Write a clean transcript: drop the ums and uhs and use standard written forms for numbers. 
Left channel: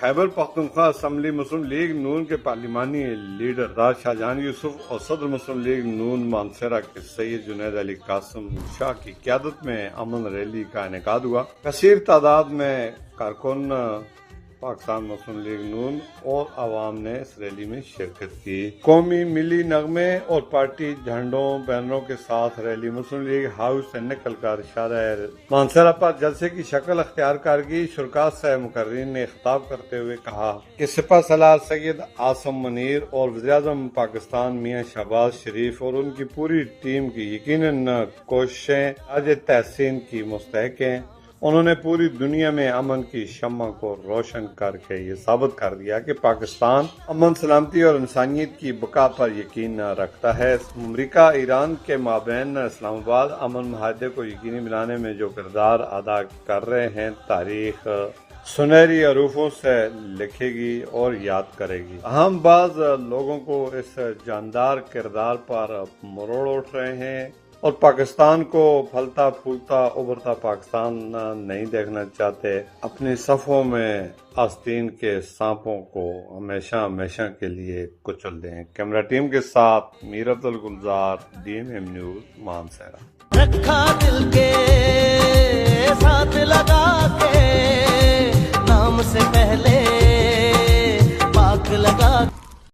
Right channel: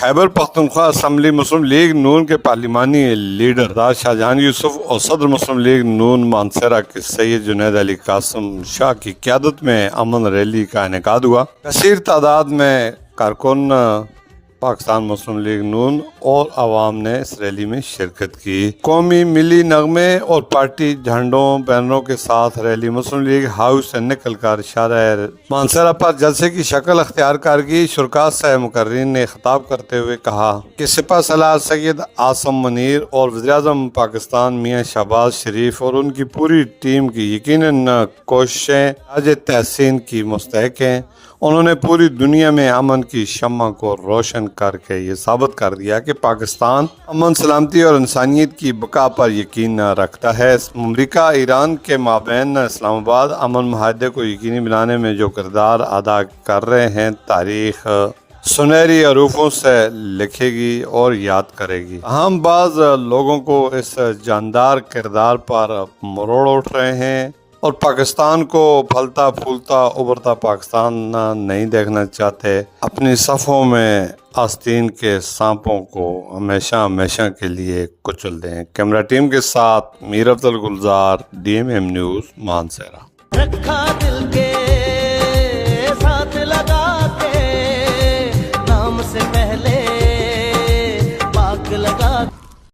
Khyber Pakhtunkhwa assembly मुस्लिम league नून के पार्लिमानी leader राज शाहजहान यूसुफ और सदर मुस्लिम लीग नून मानसरा के सैयद जुनैद अली कासिम शाह की क़यादत में अमन रैली का इनेकाद हुआ। कसीर तादाद में कारकुन पाकिस्तान मुस्लिम लीग नून और अवाम ने इस रैली में शिरकत की। कौमी मिली नगमे और पार्टी झंडों बैनरों के साथ रैली मुस्लिम लीग हाउस से निकल कर शाहर मानसरा पर जलसे की शक्ल अख्तियार करगी। शुरका से मुकर्रीन ने खिताब करते हुए कहा कि सिपह सलार सैयद आसम मनीर और वज़ीर-ए-आज़म पाकिस्तान मियां शहबाज शरीफ और उनकी पूरी टीम की यकीनन कोशिशें ताज तहसीन की मुस्तहक हैं। उन्होंने पूरी दुनिया में अमन की शम्मा को रोशन करके ये साबित कर दिया कि पाकिस्तान अमन सलामती और इंसानियत की बका पर यकीन रखता है। अमरीका ईरान के माबैन इस्लामाबाद अमन माहदे को यकीनी बनाने में जो किरदार अदा कर रहे हैं, तारीख सुनहरी हरूफों से लिखेगी और याद करेगी। हम बाज़ लोगों को इस जानदार किरदार पर मरोड़ उठ रहे हैं और पाकिस्तान को फलता फूलता उभरता पाकिस्तान नहीं देखना चाहते। अपनी सफ़ों में आस्तीन के सांपों को हमेशा हमेशा के लिए कुचल दें। कैमरा टीम के साथ मीर अफजल गुलजार, DMM न्यूज़, मानसरा। रखा दिल के साथ लगा के नाम से पहले पाक लगा